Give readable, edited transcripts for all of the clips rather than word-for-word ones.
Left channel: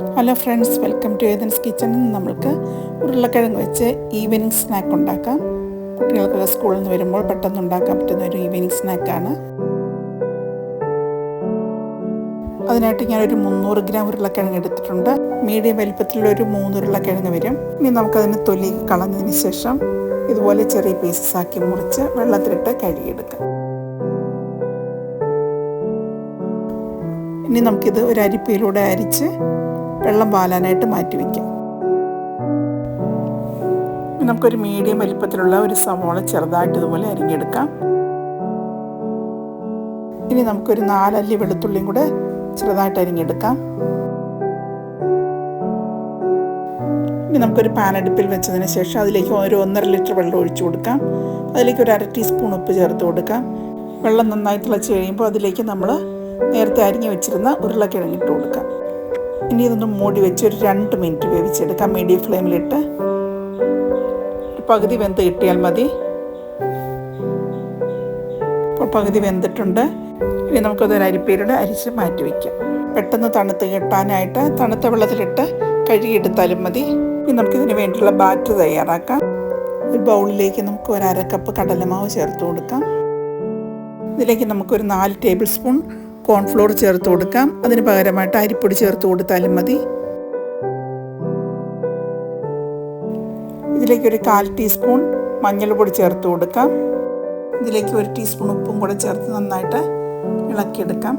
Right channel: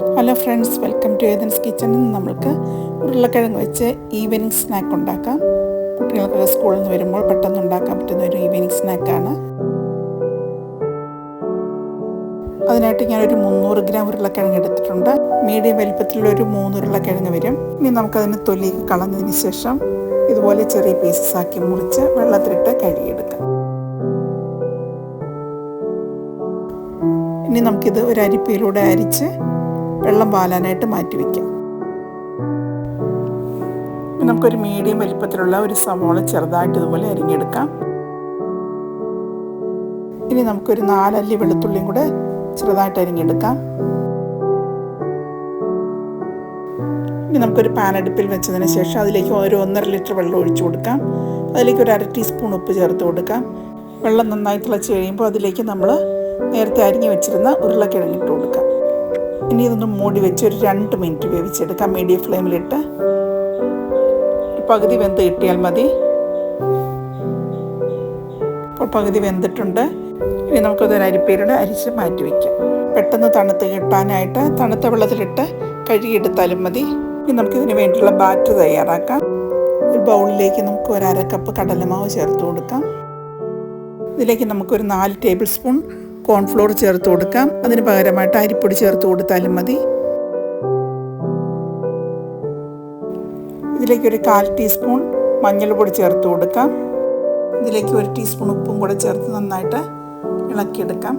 Hello friends, welcome to Athens കിച്ചണിൽ നിന്ന് നമ്മൾക്ക് ഉരുളക്കിഴങ്ങ് വെച്ച് ഈവനിങ് സ്നാക്ക് ഉണ്ടാക്കാം. കുട്ടികൾക്കൊക്കെ സ്കൂളിൽ നിന്ന് വരുമ്പോൾ പെട്ടെന്ന് ഉണ്ടാക്കാൻ പറ്റുന്ന ഒരു ഈവനിങ് സ്നാക്കാണ്. അതിനായിട്ട് ഞാനൊരു 300 ഗ്രാം ഉരുളക്കിഴങ്ങ് എടുത്തിട്ടുണ്ട്. മീഡിയം വലിപ്പത്തിലുള്ളൊരു 3 ഉരുളക്കിഴങ്ങ് വരും. ഇനി നമുക്കതിന് തൊലി കളഞ്ഞതിന് ശേഷം ഇതുപോലെ ചെറിയ പീസസ് ആക്കി മുറിച്ച് വെള്ളത്തിലിട്ട് കഴുകിയെടുക്കാം. ഇനി നമുക്കിത് ഒരു അരിപ്പയിലൂടെ അരിച്ച് വെള്ളം പാലാനായിട്ട് മാറ്റി വയ്ക്കാം. നമുക്കൊരു മീഡിയം വലിപ്പത്തിലുള്ള ഒരു സവോള ചെറുതായിട്ട് ഇതുപോലെ അരിഞ്ഞെടുക്കാം. ഇനി നമുക്കൊരു 4 അല്ലി വെളുത്തുള്ളിയും കൂടെ ചെറുതായിട്ട് അരിഞ്ഞെടുക്കാം. ഇനി നമുക്കൊരു പാൻ അടുപ്പിൽ വെച്ചതിന് ശേഷം അതിലേക്ക് ഒരു 1.5 ലിറ്റർ വെള്ളം ഒഴിച്ചു കൊടുക്കാം. അതിലേക്ക് ഒരു 1/2 ടീസ്പൂൺ ഉപ്പ് ചേർത്ത് കൊടുക്കാം. വെള്ളം നന്നായി തിളച്ച് കഴിയുമ്പോൾ അതിലേക്ക് നമ്മൾ നേരത്തെ അരിഞ്ഞ് വെച്ചിരുന്ന ഉരുളക്കിഴങ്ങ് ഇട്ട് കൊടുക്കാം. ഇനി ഇതൊന്ന് മൂടി വെച്ച് ഒരു 2 മിനിറ്റ് വേവിച്ചെടുക്കാം. മീഡിയം ഫ്ലെയിമിലിട്ട് ഒരു പകുതി വെന്ത് കിട്ടിയാൽ മതി. ഇപ്പോൾ പകുതി വെന്തിട്ടുണ്ട്. ഇനി നമുക്കതൊരു അരിപ്പയിലൂടെ അരിച്ച് മാറ്റി വയ്ക്കാം. പെട്ടെന്ന് തണുത്ത് കിട്ടാനായിട്ട് തണുത്ത വെള്ളത്തിലിട്ട് കഴുകിയെടുത്താലും മതി. ഇനി നമുക്കിതിന് വേണ്ടിയുള്ള ബാറ്റർ തയ്യാറാക്കാം. ഒരു ബൗളിലേക്ക് നമുക്ക് ഒരു 1/2 കപ്പ് കടലമാവ് ചേർത്ത് കൊടുക്കാം. ഇതിലേക്ക് നമുക്കൊരു 4 ടേബിൾ സ്പൂൺ കോൺഫ്ലോർ ചേർത്ത് കൊടുക്കാം. അതിന് പകരമായിട്ട് അരിപ്പൊടി ചേർത്ത് കൊടുത്താലും മതി. ഇതിലേക്ക് ഒരു 1/4 ടീസ്പൂൺ മഞ്ഞൾപ്പൊടി ചേർത്ത് കൊടുക്കാം. ഇതിലേക്ക് 1 ടീസ്പൂൺ ഉപ്പും കൂടെ ചേർത്ത് നന്നായിട്ട് ഇളക്കിയെടുക്കാം.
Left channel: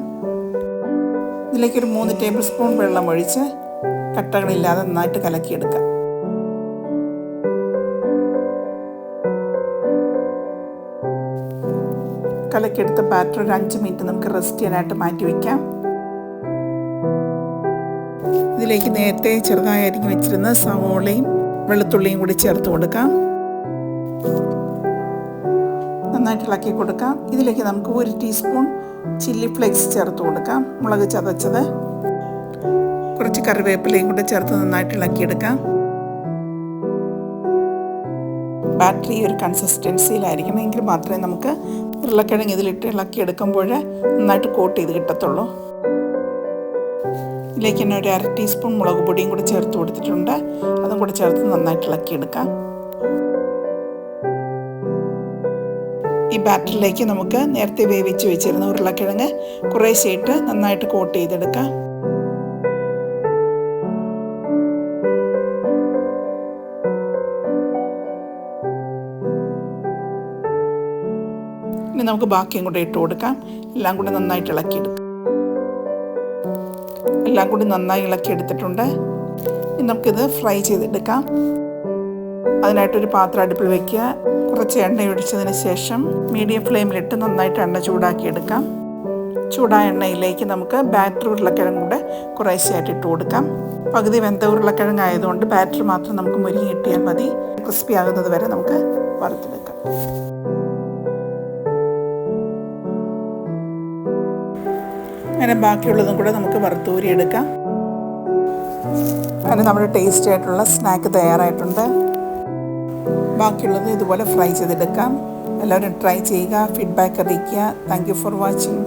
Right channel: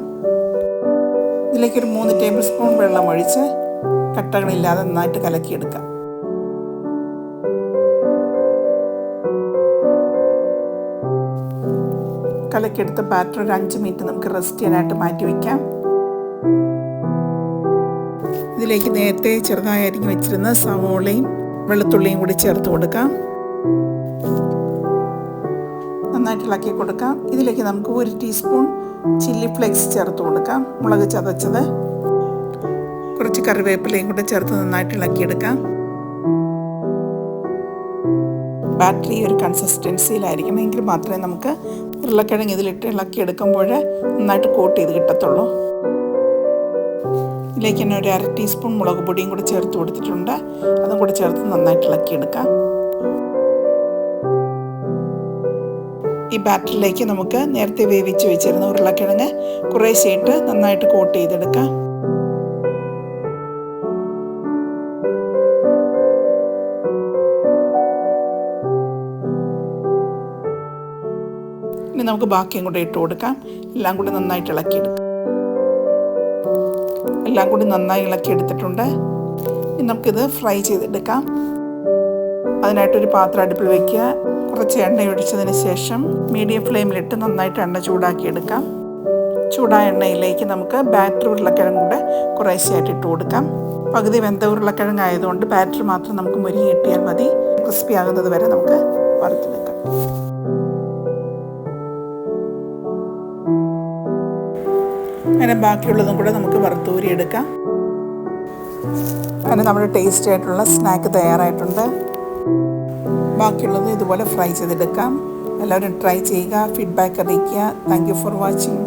ഇതിലേക്ക് ഒരു 3 ടേബിൾ സ്പൂൺ വെള്ളം ഒഴിച്ച് കട്ടകളില്ലാതെ നന്നായിട്ട് കലക്കിയെടുക്കാം. കലക്കിയെടുത്ത ബാറ്റർ ഒരു 5 മിനിറ്റ് നമുക്ക് റെസ്റ്റ് ചെയ്യാനായിട്ട് മാറ്റി വയ്ക്കാം. ഇതിലേക്ക് നേരത്തെ ചെറുതായി അരിഞ്ഞ് വെച്ചിരുന്ന സവോളയും വെളുത്തുള്ളിയും കൂടി ചേർത്ത് കൊടുക്കാം. നന്നായിട്ട് ഇളക്കി കൊടുക്കാം. ഇതിലേക്ക് നമുക്ക് 1 ടീസ്പൂൺ ചില്ലി ഫ്ലേക്സ് ചേർത്ത് കൊടുക്കാം. മുളക് ചതച്ചത്, കുറച്ച് കറിവേപ്പിലയും കൂടെ ചേർത്ത് നന്നായിട്ട് ഇളക്കിയെടുക്കാം. ബാറ്ററി ഒരു കൺസിസ്റ്റൻസിയിലായിരിക്കണം, എങ്കിൽ മാത്രമേ നമുക്ക് ഉരുളക്കിഴങ്ങ് ഇതിലിട്ട് ഇളക്കിയെടുക്കുമ്പോൾ നന്നായിട്ട് കോട്ട് ചെയ്ത് കിട്ടത്തുള്ളൂ. ഇതിലേക്ക് തന്നെ ഒരു 1/2 ടീസ്പൂൺ മുളക് പൊടിയും കൂടി ചേർത്ത് കൊടുത്തിട്ടുണ്ട്. അതും കൂടി ചേർത്ത് നന്നായിട്ട് ഇളക്കിയെടുക്കാം. ഈ ബാറ്ററിലേക്ക് നമുക്ക് നേരത്തെ വേവിച്ച് വെച്ചിരുന്ന ഉരുളക്കിഴങ്ങ് കുറേശ്ശെയിട്ട് നന്നായിട്ട് കോട്ട് ചെയ്തെടുക്കാം. ഇനി നമുക്ക് ബാക്കിയും കൂടെ ഇട്ട് കൊടുക്കാം. എല്ലാം കൂടി നന്നായിട്ട് ഇളക്കിയെടുക്കാം. എല്ലാം കൂടി നന്നായി ഇളക്കിയെടുത്തിട്ടുണ്ട്. ഇനി നമുക്കിത് ഫ്രൈ ചെയ്തെടുക്കാം. അതിനായിട്ടൊരു പാത്രം അടുപ്പിൽ വയ്ക്കുക. കുറച്ച് എണ്ണ ഒഴിച്ചതിന് ശേഷം മീഡിയം ഫ്ലെയിമിലിട്ട് നന്നായിട്ട് എണ്ണ ചൂടാക്കിയെടുക്കാം. ചൂടായ എണ്ണയിലേക്ക് നമുക്ക് ബാറ്റർ ഉരുളക്കിഴങ്ങ് കൂടെ കുറേശ്ശെയായിട്ട് ഇട്ട് കൊടുക്കാം. പകുതി വെന്ത ഉരുളക്കിഴങ്ങ് ആയതുകൊണ്ട് ബാറ്റർ മാത്രം നമുക്ക് മുരിങ്ങി കിട്ടിയാൽ മതി. ക്രിസ്പി ആകുന്നത് വരെ നമുക്ക് വറുത്തെടുക്കാം. അങ്ങനെ ബാക്കിയുള്ളതും കൂടെ നമുക്ക് വറുത്തൂരിയെടുക്കാം. അങ്ങനെ നമ്മുടെ ടേസ്റ്റി ആയിട്ടുള്ള സ്നാക്ക് തയ്യാറായിട്ടുണ്ട്. ബാക്കിയുള്ളത് ഇതുപോലെ ഫ്രൈ ചെയ്തെടുക്കാം. എല്ലാവരും ട്രൈ ചെയ്യുക, ഫീഡ്ബാക്ക് അറിയിക്കുക. Thank you for watching.